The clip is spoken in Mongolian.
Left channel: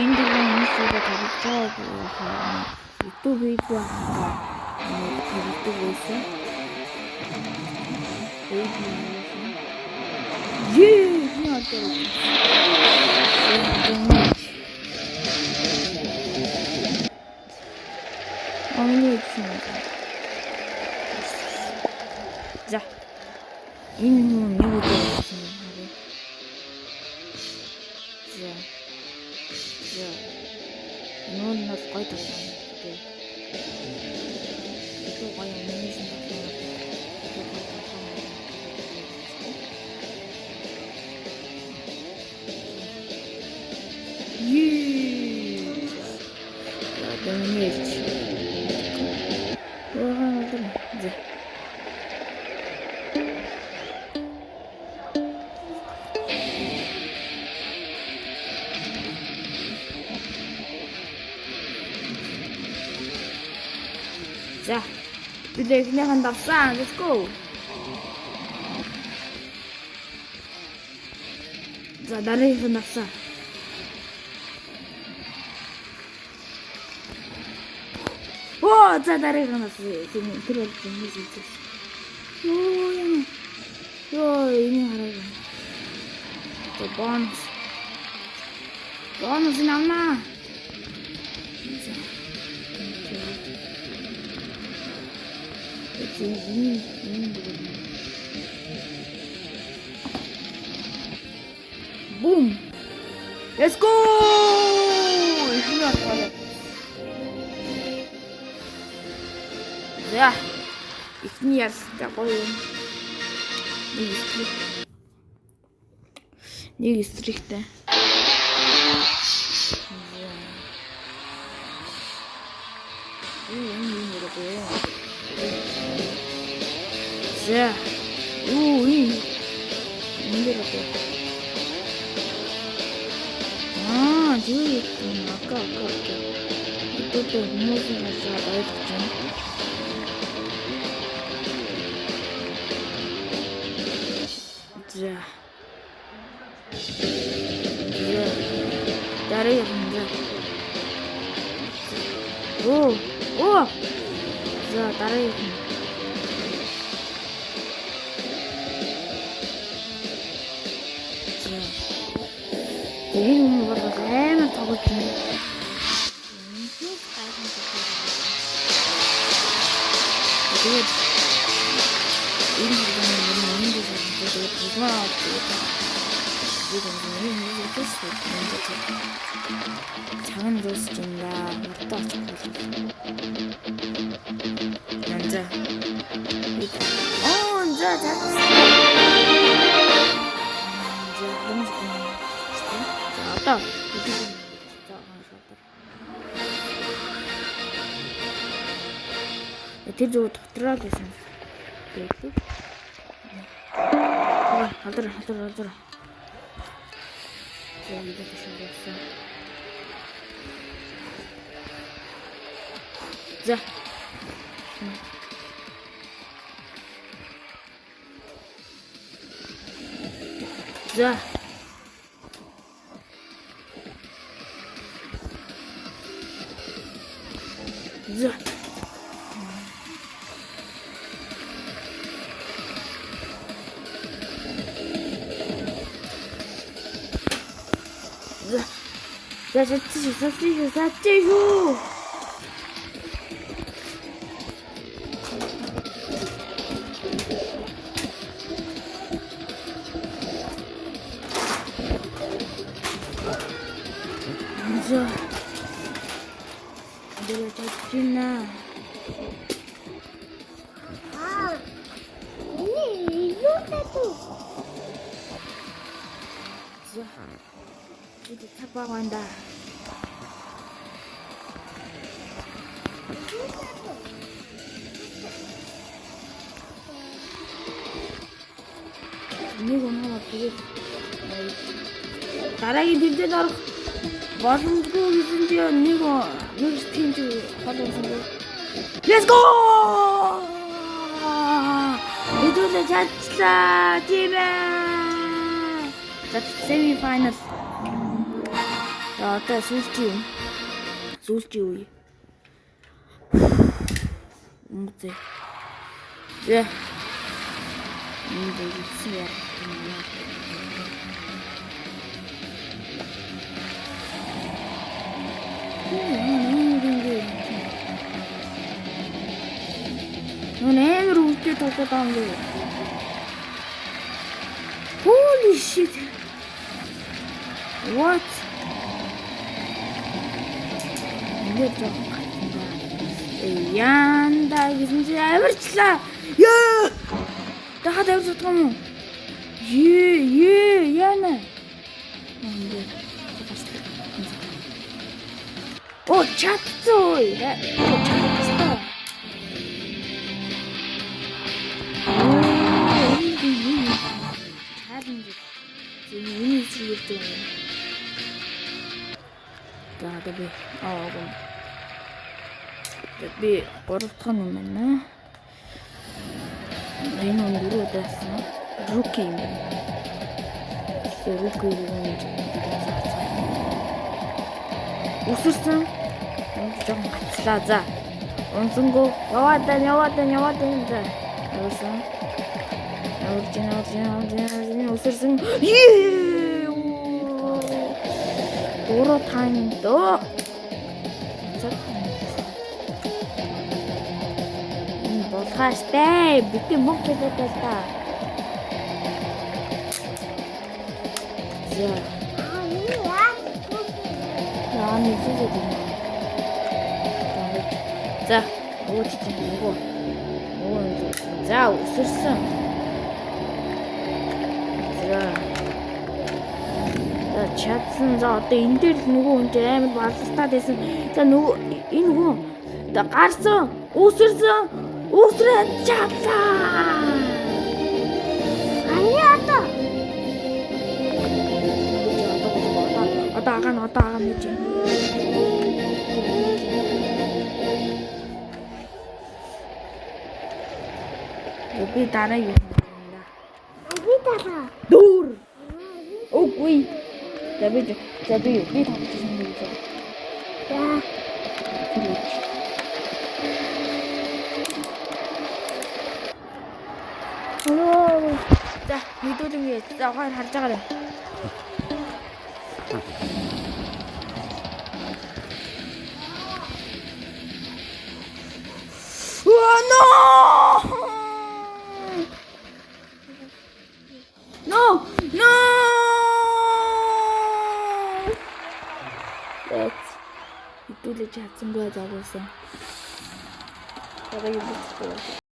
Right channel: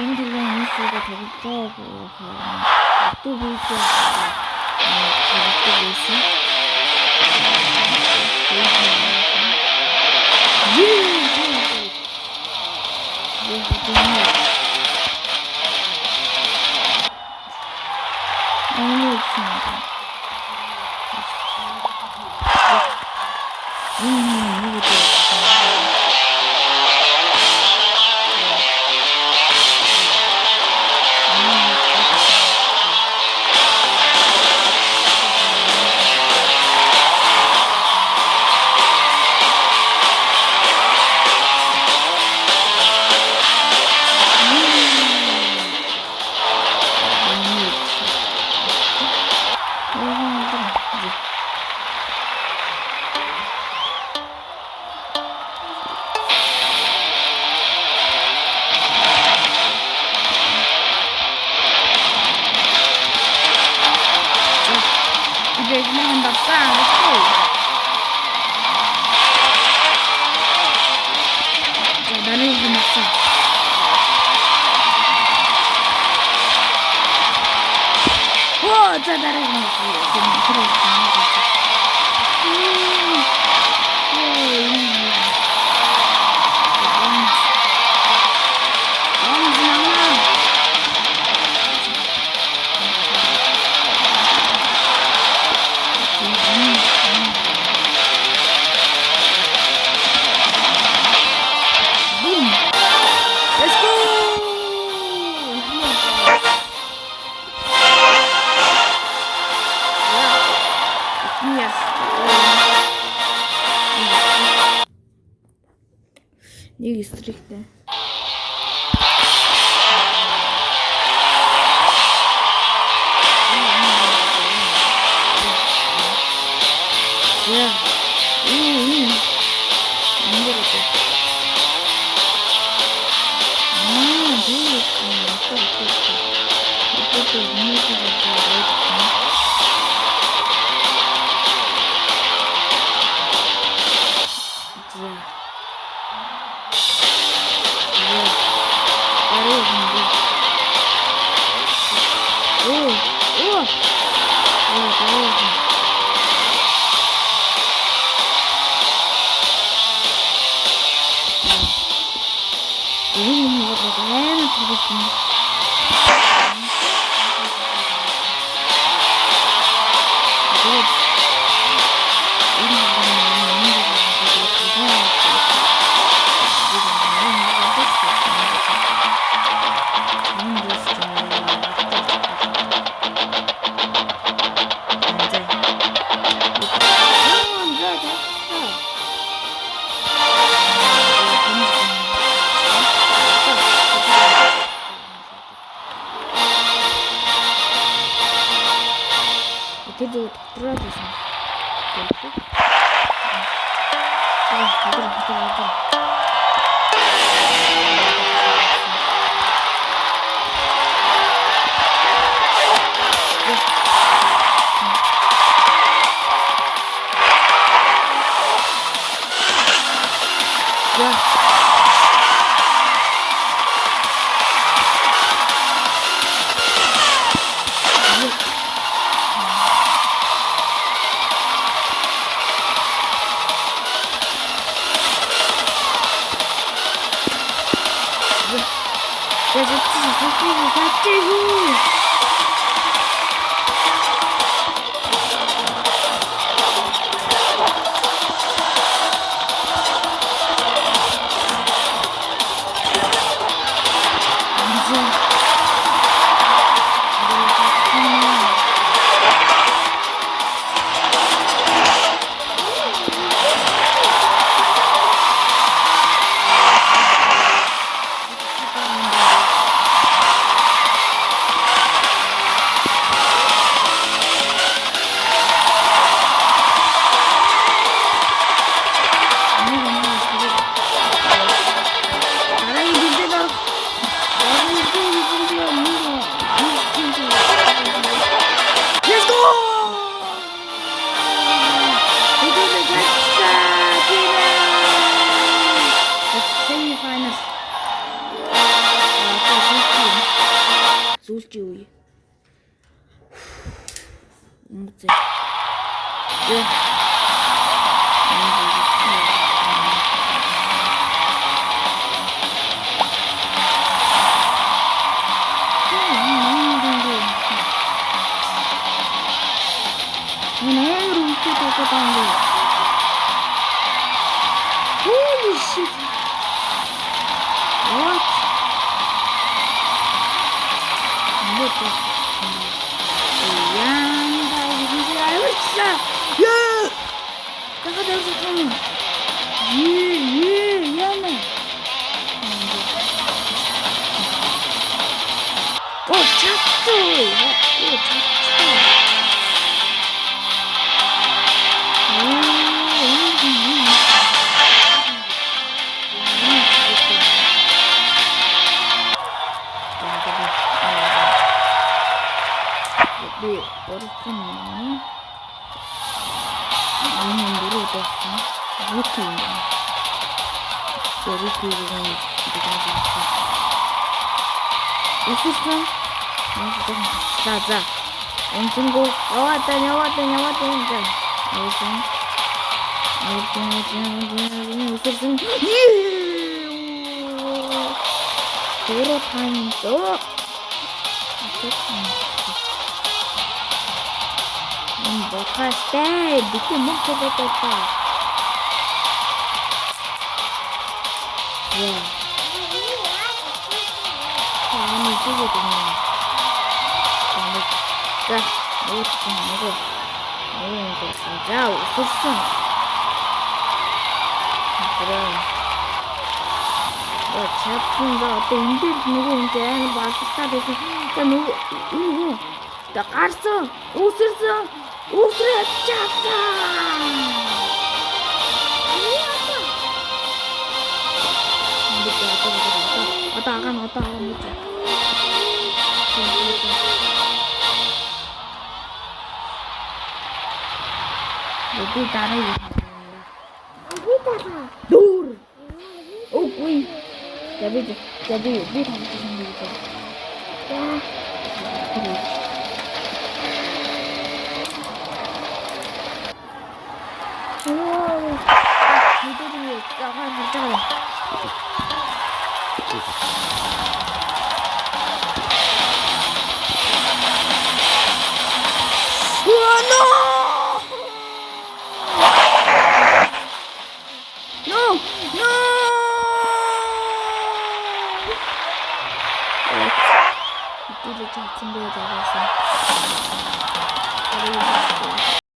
энэ төлөө энэ зүйлээ тавьж байгаа туу видео тавьдаг байсан. Игнехан давсан. Let's go. За дараагийн давсан. Оо за дараагийн давсан. Boom! Let's go! Yeah, it's me as нэг стрихтэй. Yeah. Тэр зөв дотроо байсан. Тэгвэл Let's go! We do the touchdown, team! That's semi-final. Одоо сүүлчийн үе. Үнэтэй. Яа. Holy shit! What? Yan dahil hindi ayos Yeah! Nakadawag sa kamo. Yan na. Oh, chapsoy! Tapi orang ini dulu ada ruku dengan ususnya saja langsung go nyawatan kan langsung ususnya Puro tanto. Bokas deh, bikin mau coba. Ya. Ini juga dengan. Dah, mau jauh susah. 잡순다. 인들 누구 온대? 마스터 돼서 자 누구 이거 나 갔어. 옷을 잡자. 아니야. 왔다 못지. 여기 따라 이거. 돌. 오이. jadi ini kamu sendiri kan wow itu dia jangan harga no itu udah cacing dia jaga sih.